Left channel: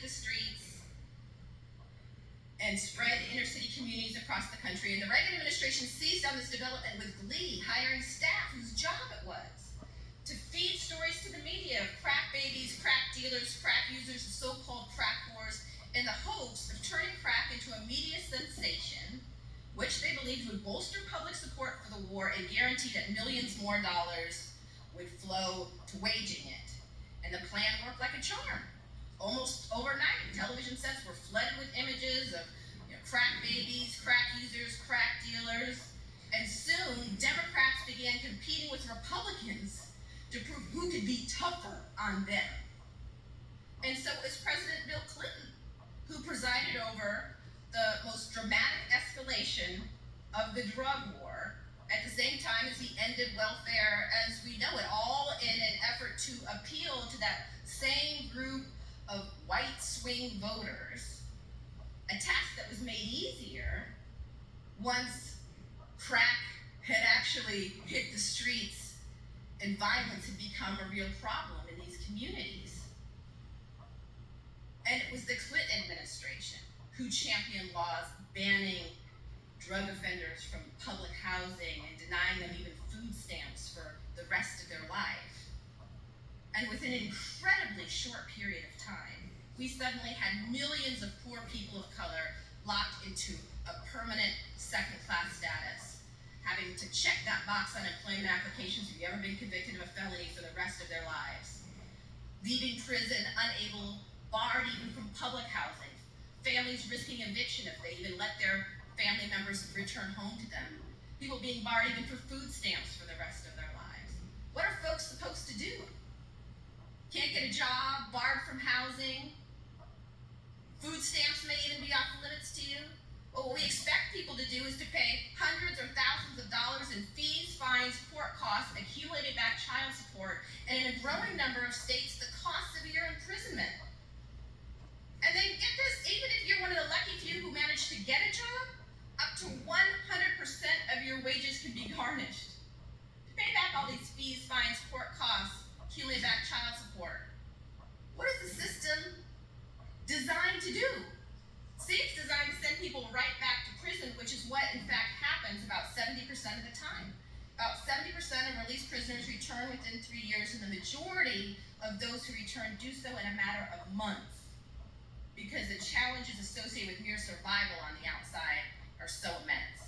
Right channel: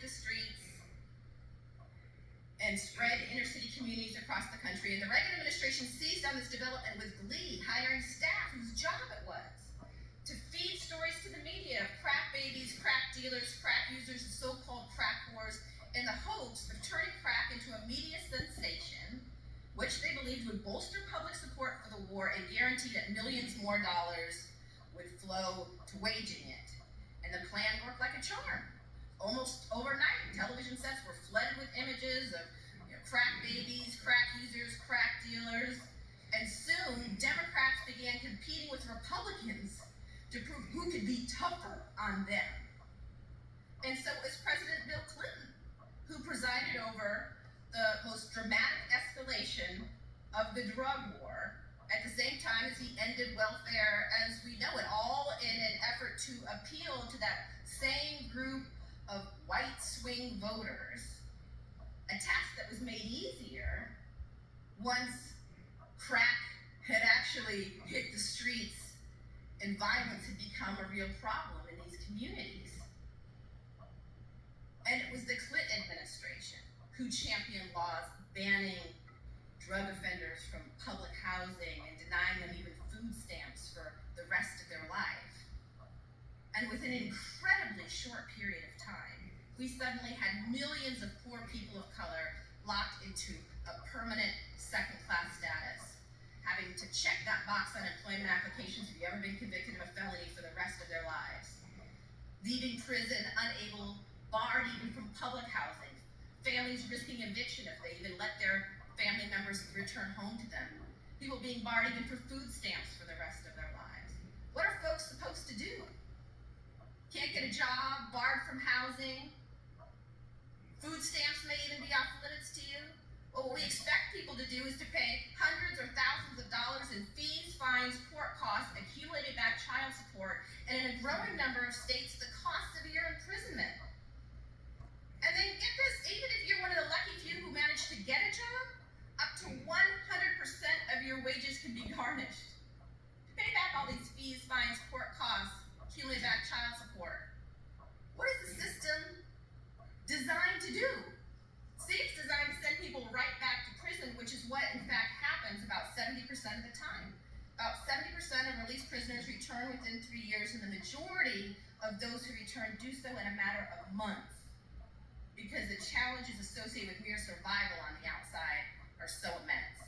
hit the streets and spread inner city communities across the country. And the Reagan administration seized on this development with glee, hiring staff whose job it was to feed stories to the media of crack babies, crack dealers, crack users, the so-called crack wars, in the hopes of turning crack into a media sensation, which they believed would bolster public support for the war and guarantee that millions more dollars would flow to waging it. And the plan worked like a charm. Almost overnight, television sets were flooded with images of crack babies, crack users, crack dealers, and soon Democrats began competing with Republicans to prove who could be tougher on them. And so it was President Bill Clinton who presided over the most dramatic escalation of the drug war at the same time as he ended welfare as we know it, all in an effort to appeal to that same group of white swing voters, a task that was made easier once crack had actually hit the streets and violence had become a real problem in these communities. And it was the Clinton administration who championed laws banning drug offenders from public housing and denying them even food stamps for the rest of their life. And within an incredibly short period of time, we suddenly had millions of poor people of color locked into a permanent second-class status, having to check that box on employment applications if you've ever been convicted of a felony for the rest of their lives, leaving prison unable, barred even from public housing, families risking eviction if they even let their family members return home to them, people being barred even for food stamps for the rest of their lives. What are folks supposed to do? Can't get a job, barred from housing, food stamps may even be off limits to you. Well, what we expect people to do is to pay hundreds or thousands of dollars in fees, fines, court costs, accumulated back child support, and in a growing number of states, the cost of your imprisonment. And then get this, even if you're one of the lucky few who managed to get a job, up to 100% of your wages can be garnished. To pay back all these fees, fines, court costs, accumulated back child support. What is the system designed to do? See, it's designed to send people right back to prison, which is what in fact happens about 70% of the time. About 70% of released prisoners return within 3 years, and the majority of those who return do so in a matter of months, because the challenges associated with mere survival on the outside are so immense.